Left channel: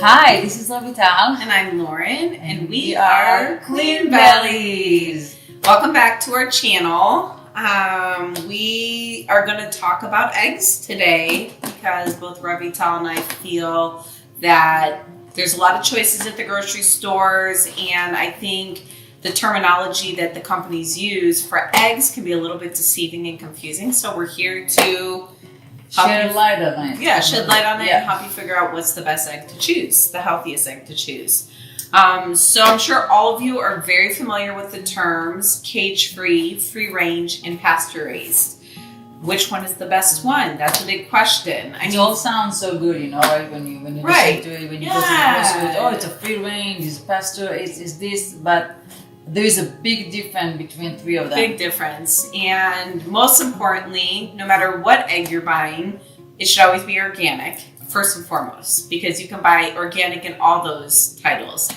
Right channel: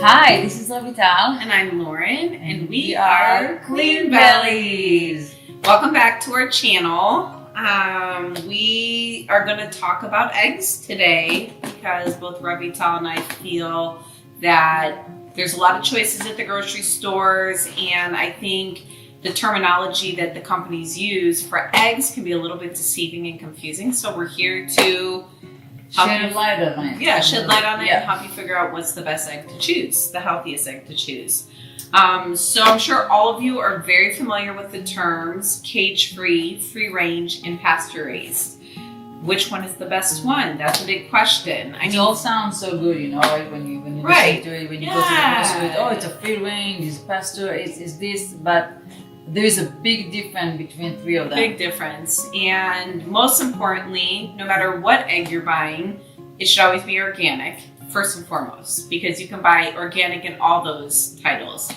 Hi, this is Lavital. And I'm Lauren, and we are Queen Bellies. Welcome back to our channel. We are going to talk about eggs today because both Lavital and I feel that there's a lot of choices at the grocery stores, and I think the terminology that the companies use for eggs can be a little bit deceiving and confusing. So we're here to Shed light on it. Yeah, shed light on it and help you figure out what's the best egg to choose, the healthiest egg to choose. So I'm sure all of you are very familiar with the terms cage-free, free-range, and pasture-raised. Which one is the best one? That's a big question. It all sounds so good, you know, right? When you listen to it, when you go to the grocery store, it's a free-range, it's pasture, it's this, but there is a big difference between three of them. Big difference. And most importantly, no matter what egg you're buying, it should always be organic, first and foremost, because you can buy organic in all those titles.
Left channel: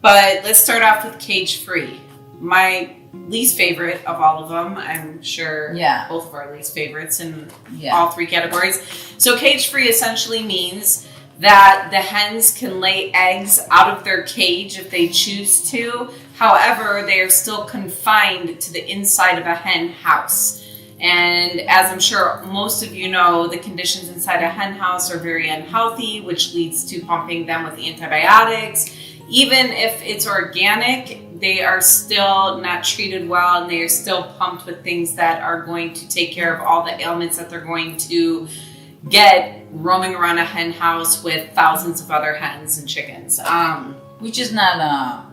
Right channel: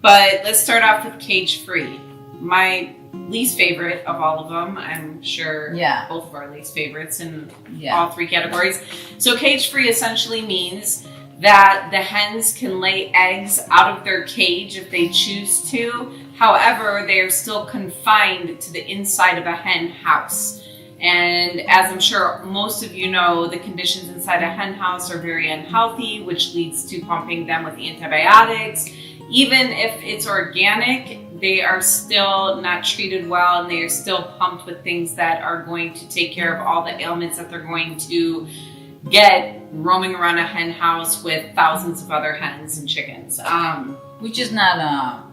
But let's start off with cage-free. My least favorite of all of them, I'm sure both of our least favorites in all three categories. So cage-free essentially means that the hens can lay eggs out of their cage if they choose to. However, they are still confined to the inside of a hen house. And as I'm sure most of you know, the conditions inside a hen house are very unhealthy, which leads to pumping them with antibiotics. Even if it's organic, they are still not treated well, and they are still pumped with things that are going to take care of all the ailments that they're going to get roaming around a hen house with thousands of other hens and chickens. Which is not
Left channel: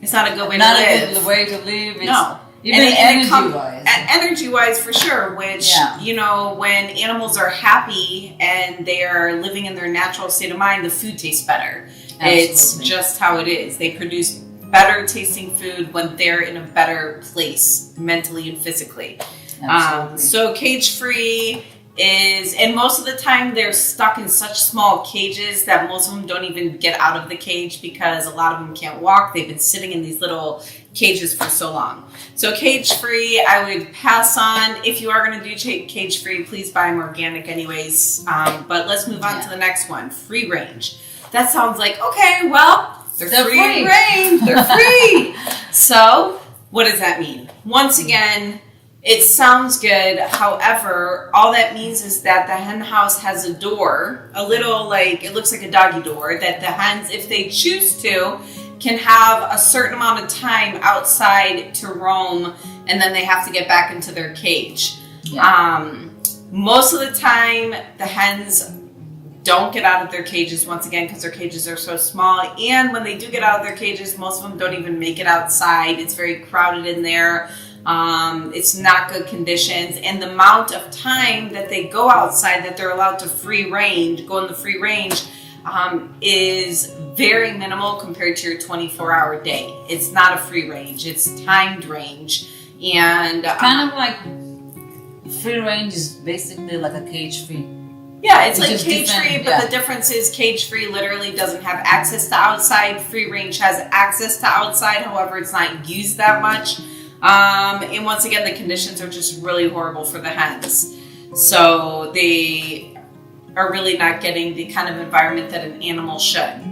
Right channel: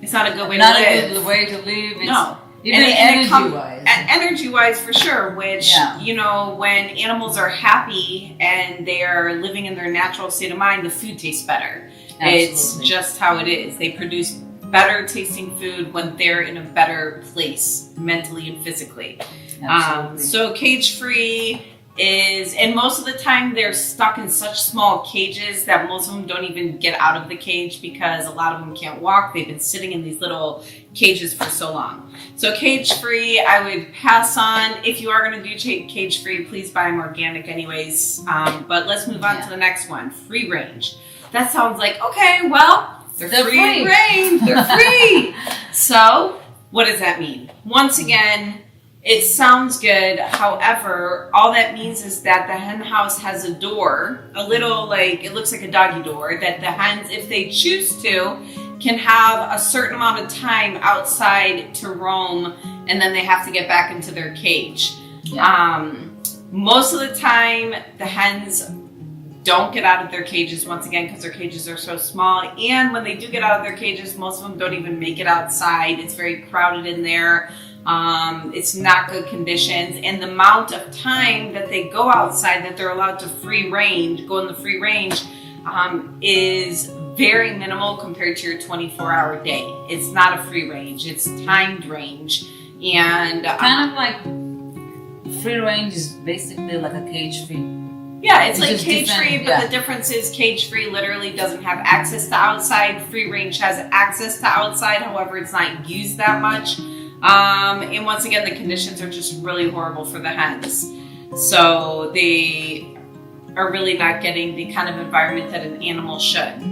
it's not a good way to live. Not a good way to live. No. Even energy-wise. Energy-wise, for sure, which, you know, when animals are happy and they are living in their natural state of mind, the food tastes better. Absolutely. It's just how it is. They produce better tasting food when they're in a better place, mentally and physically. So cage-free is, and most of the time they're stuck in such small cages that most of them don't even get out of the cage because a lot of them can't walk. They've been sitting in these little cages for so long. So cage-free, I would pass on. If you are going to do cage-free, please buy them organic anyways. But let's move on to the next one, free-range. That sounds like, okay, well, they're free range, they're free. So what does that mean? Once again, it sounds good. However, all that means is that the hen house has a door, a little, like, it looks like a doggy door, that the hens, if they choose to, can have a certain amount of time outside to roam, and then they have to get back into their cage. Most of the time, the hens don't get out of their cages, once again, because their cages are so small. And when they do get out of their cages, most of them don't even make it outside. It's very crowded in there. It's not good conditions, and the amount of time that they go outside, that they're allowed to go in the free range, is very minimal compared to your 24-hour day. It's not a free range, it's timed range. And kind of like free range is basically like a cage-free. Yeah, it's like cage-free, but the difference is cage-free literally doesn't have access to outside. Free range has access to outside, however, it's not used that much. And once again, the conditions are just really horrible for the hens. So they are really not getting the kind of environment that an animal should.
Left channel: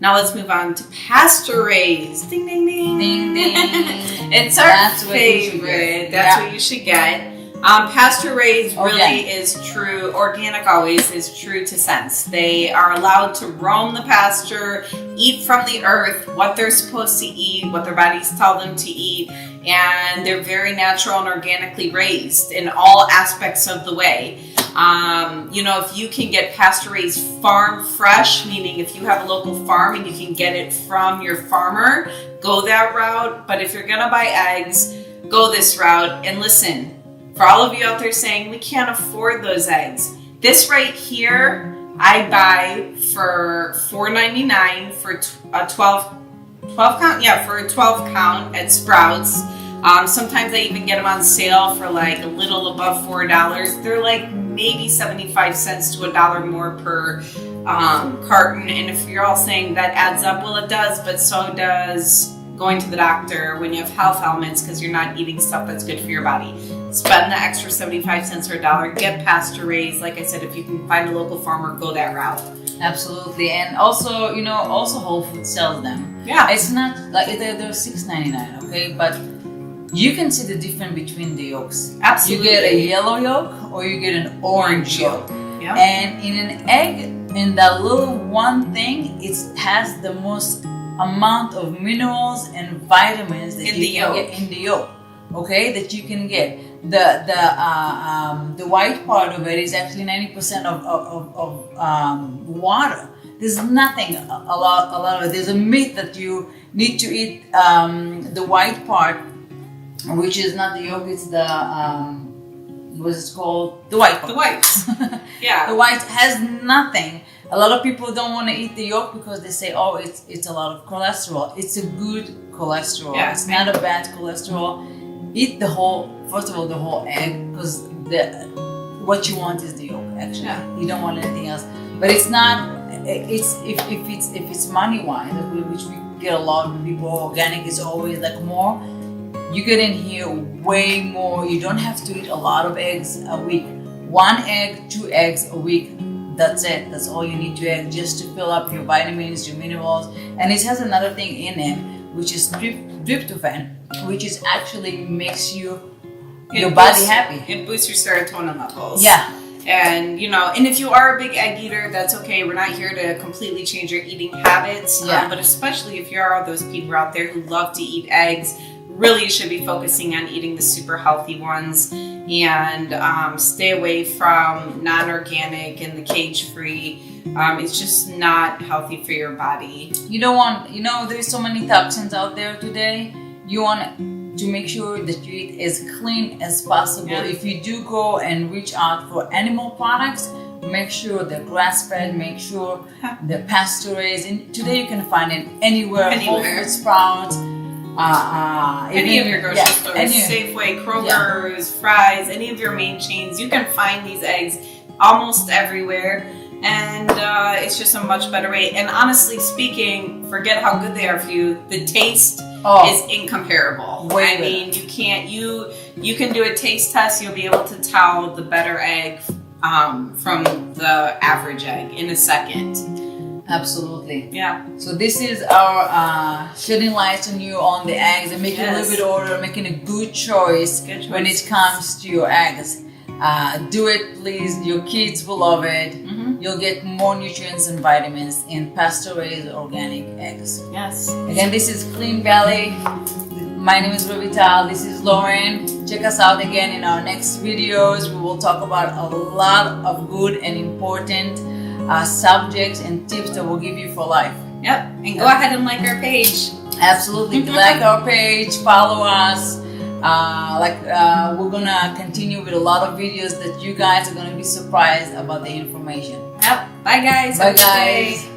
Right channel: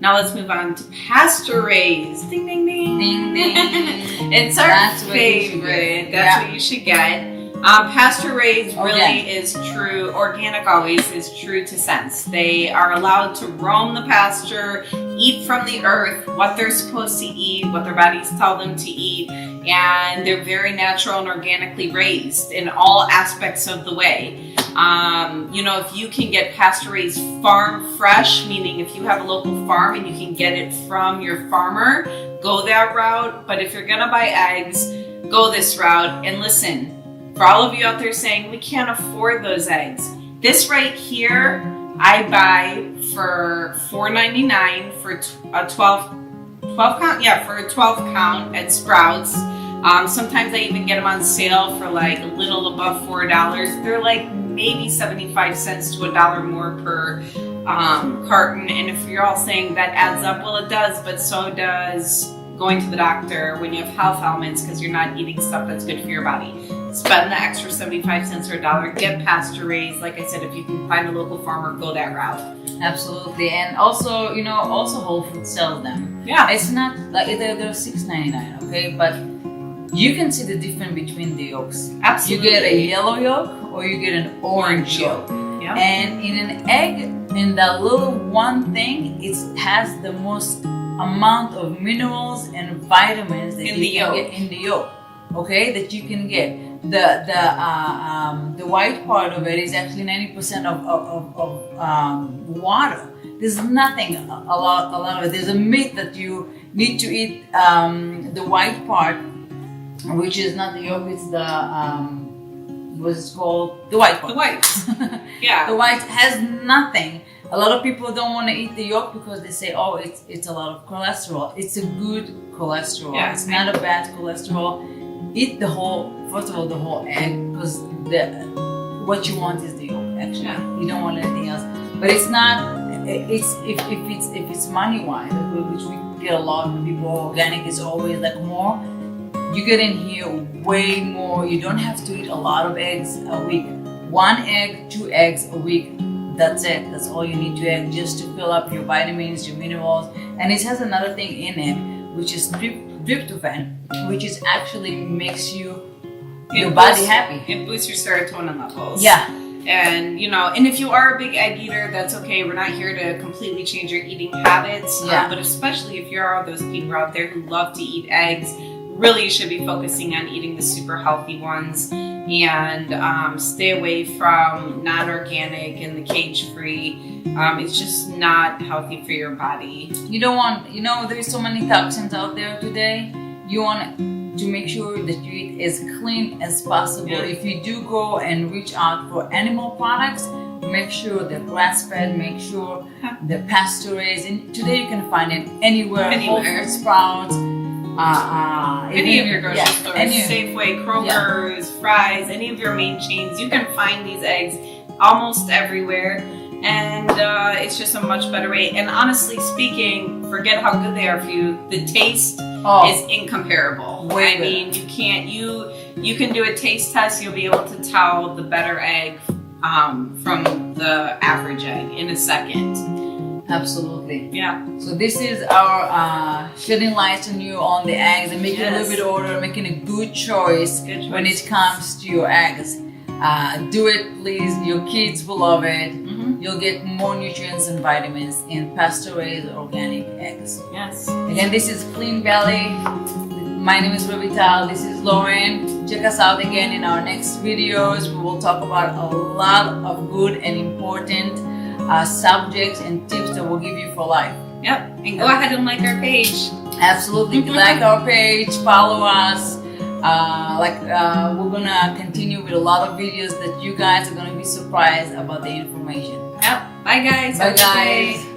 Now let's move on to pasture raised. Ding, ding, ding. Ding, ding. It's our favorite. That's what you should get. Pasture raised really is true, organic always is true to sense. They are allowed to roam the pasture, eat from the earth, what they're supposed to eat, what their bodies tell them to eat, and they're very natural and organically raised in all aspects of the way. You know, if you can get pasture raised farm fresh, meaning if you have a local farm and you can get it from your farmer, go that route. But if you're gonna buy eggs, go this route. And listen, for all of you out there saying, we can't afford those eggs, this right here, I buy for $4.99 for a 12 count. Yeah, for a 12 count at Sprouts. Sometimes I even get them on sale for like a little above $4. They're like maybe 75 cents to $1 more per carton. And if you're all saying that adds up, well, it does, but so does going to the doctor, when you have health ailments because you're not eating stuff that's good for your body. Spend the extra 75 cents or $1, get pasture raised. Like I said, if you can find a local farmer, go that route. Absolutely. And also, you know, also Whole Foods sells them. Yeah. It's not like they're $6.99, okay? But you can see the difference between the yolks. Absolutely. You get a yellow yolk or you get an orange yolk. Yeah. And in an egg, in that little one thing, it has the most amount of minerals and vitamins that you can get in the yolk. Okay, that you can get. The white part of it is actually 90% of water. There's nothing a lot of it. There's a myth that you need to eat the white part, which is not the yolk. It's the what's it called? The white part. The white. Yeah. The white has nothing. A lot of people don't want to eat the yolk because they say, oh, it's a lot of cholesterol. It's a good cholesterol. Yeah. It's not a bad cholesterol. Eat the whole, first of all, the whole egg, because what you want is the yolk, actually. Yeah. You don't want anything else. But it's not, it's if it's money-wise, which we get a lot of people, organic is always like more. You get in here way more. You don't have to eat a lot of eggs a week. 1 egg, 2 eggs a week. That's it. That's all you need to eat, just to fill up your vitamins, your minerals. And it has another thing in it, which is Cryptophan, which is actually makes your body happy. It boosts your serotonin levels. Yeah. And, you know, and if you are a big egg eater, that's okay. We're not here to completely change your eating habits. Yeah. But especially if you are those people out there who love to eat eggs, really you should be focusing on eating the super healthy ones, and stay away from non-organic and the cage-free. It's just not healthy for your body. You don't want, you know, there's so many toxins out there today. You want to make sure that you eat as clean as possible. Yeah. If you do go and reach out for animal products, make sure they're grass-fed, make sure they're pasture raised. And today you can find it anywhere. Whole Foods, Sprouts, any of your grocery stores, any, Safeway, Kroger's, Fry's, any of your main chains, you can find these eggs almost everywhere. And it's just a much better way. And honestly speaking, forget how good they are for you. The taste is incomparable. Way I mean, you can't. You can do a taste test. You'll be able to tell the better egg from the average egg in a second. Absolutely. Yeah. So this is our shedding light on you on the eggs and making a little bit order, making a good choice when it comes to your eggs. Do it, please. Your kids will love it. You'll get more nutrients and vitamins in pasture raised organic eggs. Yes. Again, this is Clean Valley. My name is Rovital. This is Lauren. Check us out again in our next videos. We will talk about a lot of good and important subjects and tips that will give you for life. Yep. And go ahead and like our page. Absolutely. Like our page, follow us. We're gonna continue with a lot of videos that you guys are gonna be surprised about the information. Yep. Bye guys. Bye guys.